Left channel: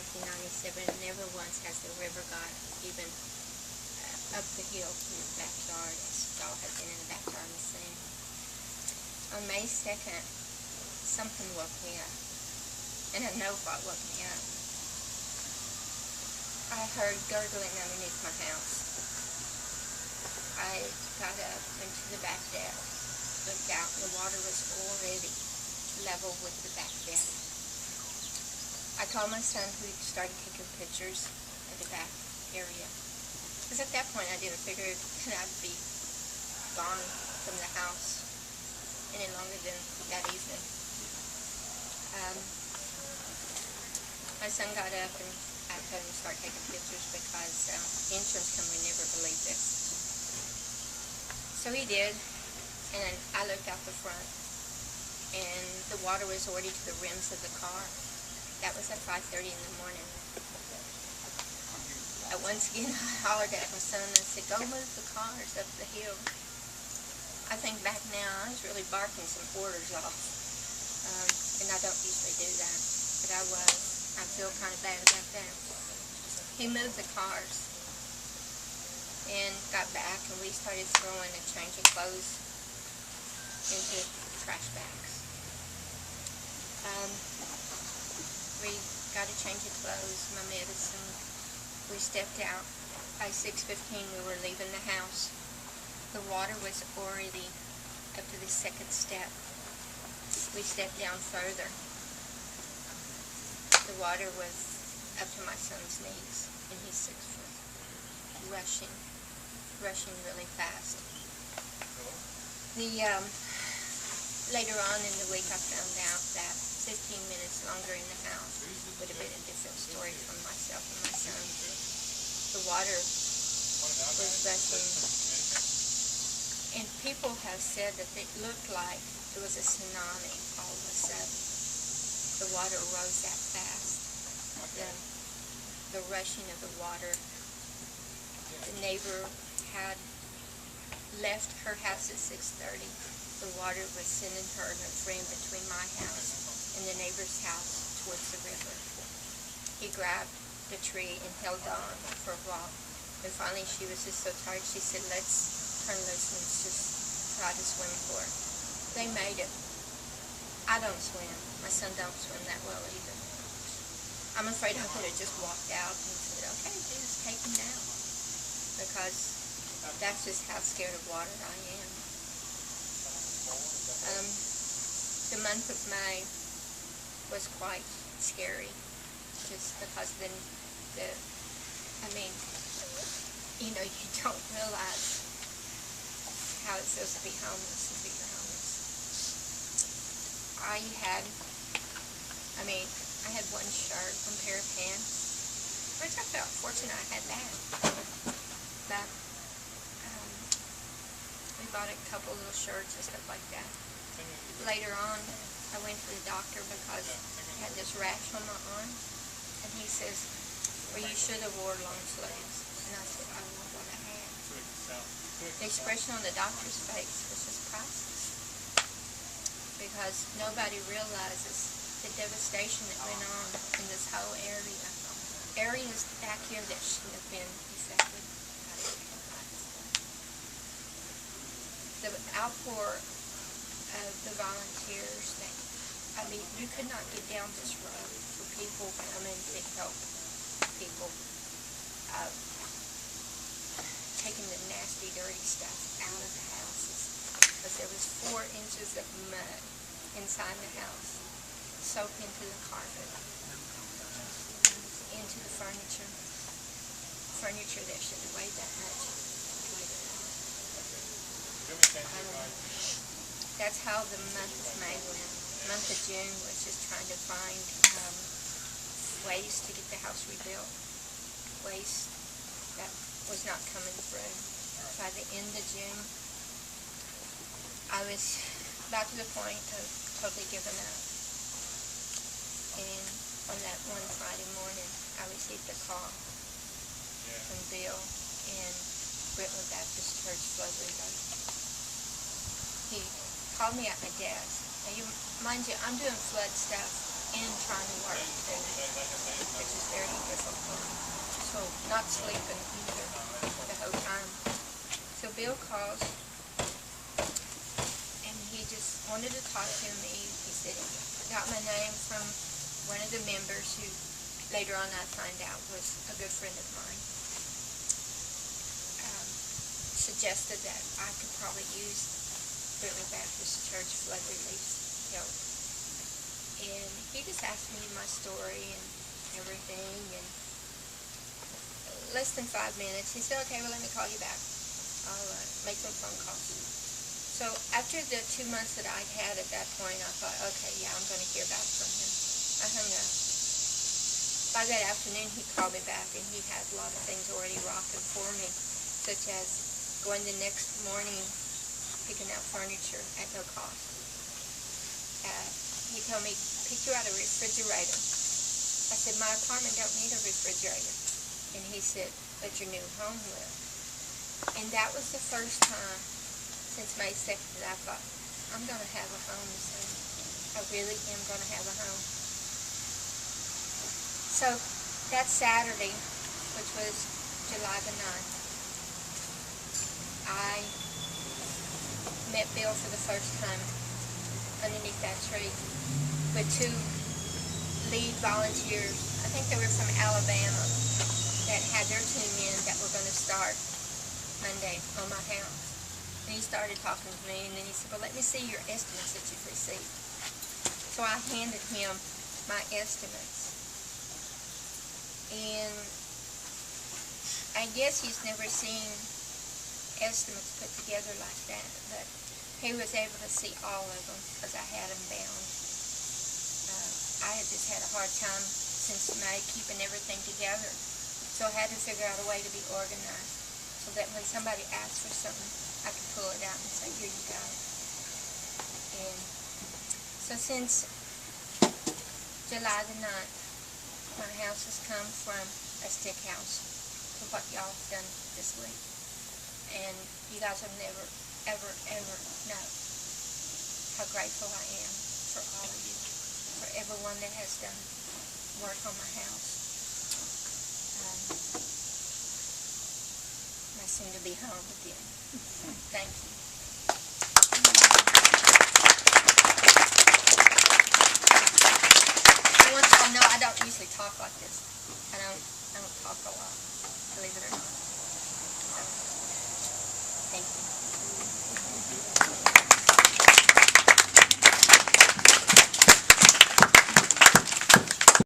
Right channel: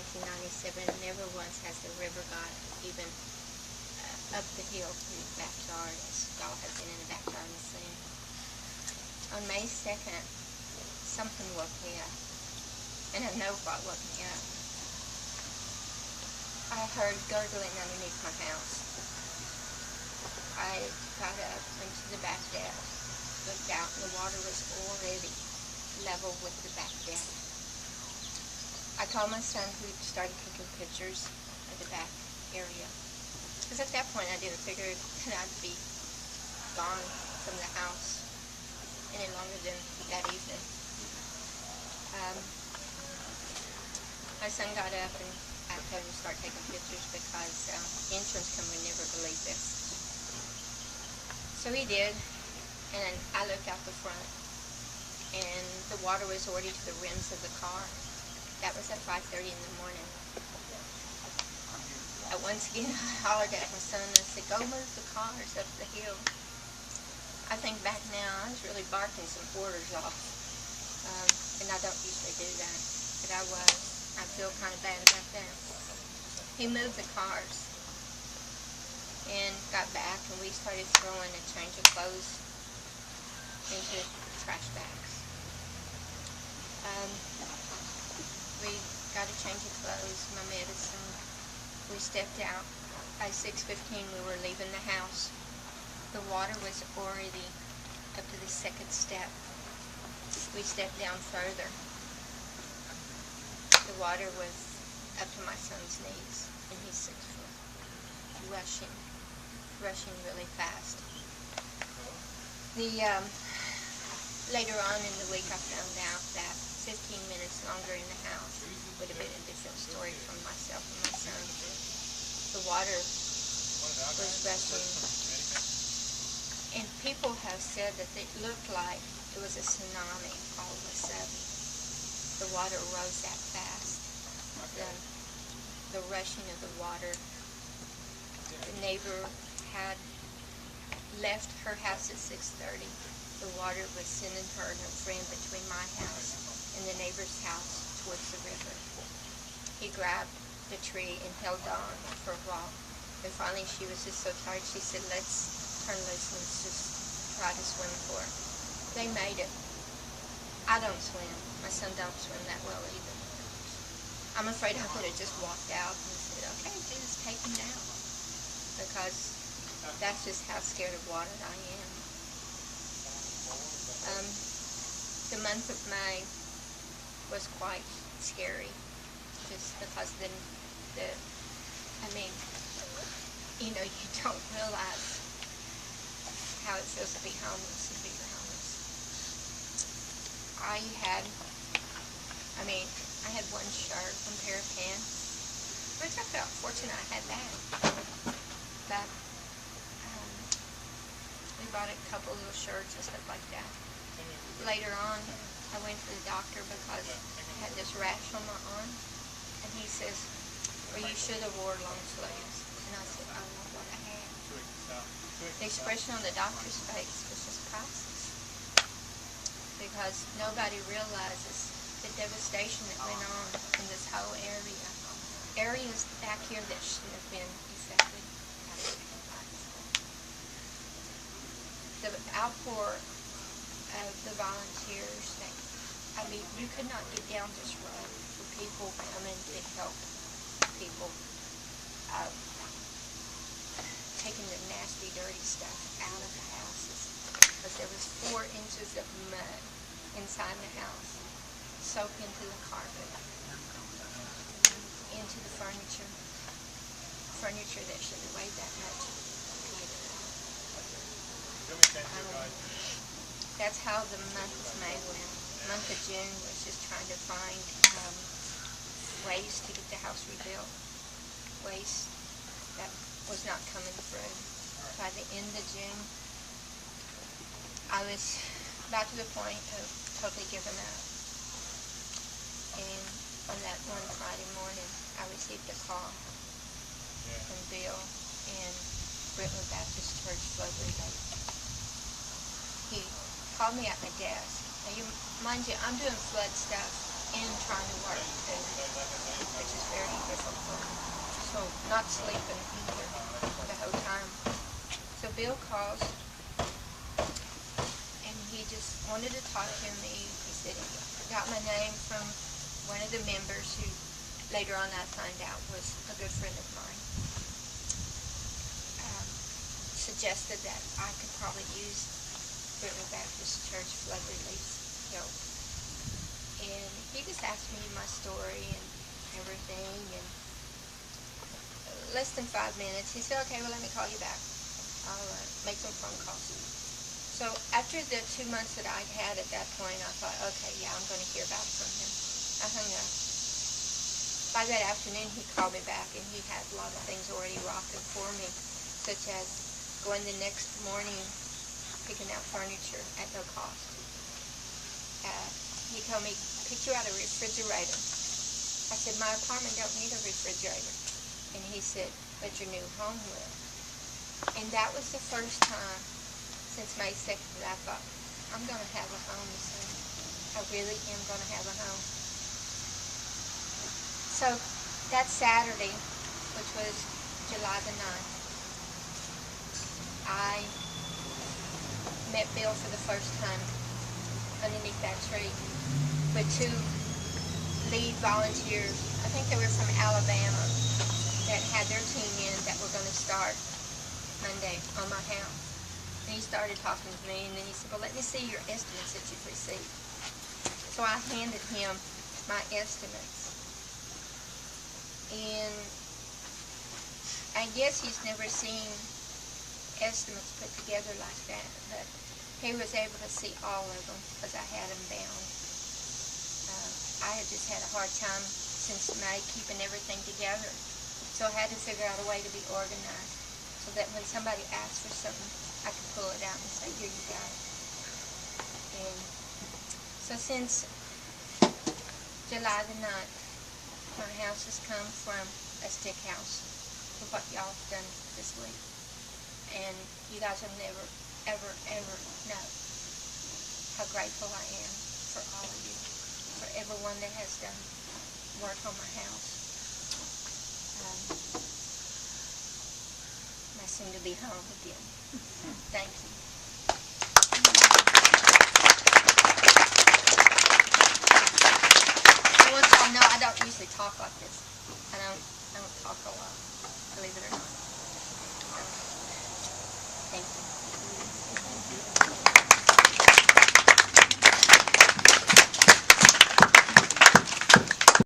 1997, never once has the river got even up the hill from the backyard as y'all have been in the backyard and seen. On May 2nd, something woke me up, and I know what woke me up. I heard gurgling underneath my house. I got up, went to the back deck, looked out, and the water was already level with the back deck. I called my son, who started taking pictures of the back area. Because at that point I didn't figure that I'd be gone from the house any longer than that evening. My son got up and I told him to start taking pictures because the insurance company would never believe this. So he did, and I looked out the front, and the water was already to the rims of the car. That was at 5:30 in the morning. Once again, I hollered at my son and I said, "Go move the cars up the hill." I think back now, I was really barking some orders off, and I don't usually do that, but I was. I feel kind of bad about that. He moved the cars and got back, and we started throwing a change of clothes into trash bags. We got a change of clothes, my medicine. We stepped out. By 6:15 we were leaving the house. The water was already up to the second step. We stepped down further. The water was up to my son's knees, and he's 6 foot. Rushing really fast. Later on in the week I found out that 15 minutes longer in the house would have been a different story from myself and my son. The water was rushing, and people have said that it looked like it was a tsunami all of a sudden. The water rose that fast. The rushing of the water. The neighbor had left her house at 6:30. The water was sending her and her friend between my house and the neighbor's house towards the river. He grabbed the tree and held on for a while. And finally she was just so tired, she said, "Let's turn loose and let's just try to swim for it." They made it. I don't swim. My son don't swim that well either. I'm afraid I could have just walked out and said, "Okay, Jesus, take me now." Because that's just how scared of water I am. The month of May was quite scary, just because then you don't realize how it feels to be homeless and be homeless. I had one shirt, one pair of pants, which I felt fortunate I had that. But we bought a couple little shirts and stuff like that. Later on, I went to the doctor because I had this rash on my arm, and he says, "Well, you should have wore long sleeves." And I said, "I don't know what I had." The expression on the doctor's face was just priceless, because nobody realizes the devastation that went on in this whole area. Areas back here that shouldn't have been affected. The outpour of the volunteers, you could not get down this road for people coming to help people, taking the nasty, dirty stuff out of the houses, because there was 4 inches of mud inside the house, soaked into the carpet, into the furniture that shouldn't have weighed that much. That's how the month of May went. The month of June was just trying to find ways to get the house rebuilt. Ways that was not coming through. By the end of June, I was about to the point of totally giving up. And on that one Friday morning, I received a call from Bill in Brentwood Baptist Church, Floodley Lake. He called me at my desk. Now, mind you, I'm doing flood stuff and trying to work too, which is very not sleeping either the whole time. So Bill calls, and he just wanted to talk to me. He said he got my name from one of the members who later on I find out was a good friend of mine. Suggested that I could probably use River Baptist Church flood relief's help. And he just asked me my story and everything, and less than 5 minutes, he said, okay, well, let me call you back. I'll make some phone calls. So after the 2 months that I'd had at that point, I thought, okay, yeah, I'm going to hear back from him. I hung up. By that afternoon, he called me back, and he had a lot of things already rocking for me, such as going the next morning, picking out furniture at no cost. He told me, pick you out a refrigerator. I said, my apartment don't need a refrigerator. And he said, but your new home will. And that was the first time since May 2nd that I thought, I'm going to have a home soon. I really am going to have a home. So that Saturday, which was July the 9th, I met Bill for the first time underneath that tree with 2 lead volunteers. I think they were from Alabama that had their team in that were going to start Monday on my house. And he started talking to me, and then he said, well, let me see your estimates that you've received. So I handed him my estimates. And I guess he's never seen estimates put together like that, but he was able to see all of them because I had them bound. I had just had a hard time since May keeping everything together, so I had to figure out a way to be organized so that when somebody asked for something, I could pull it out and say, here you go. And so since July the 9th, my house has come from a stick house to what y'all have done this week. And you guys will never, ever, ever know how grateful I am for all of you, for everyone that has done work on my house. I seem to be home again. Thank you. I want y'all to know I don't usually talk like this. I don't talk a lot, believe it or not. So, thank you.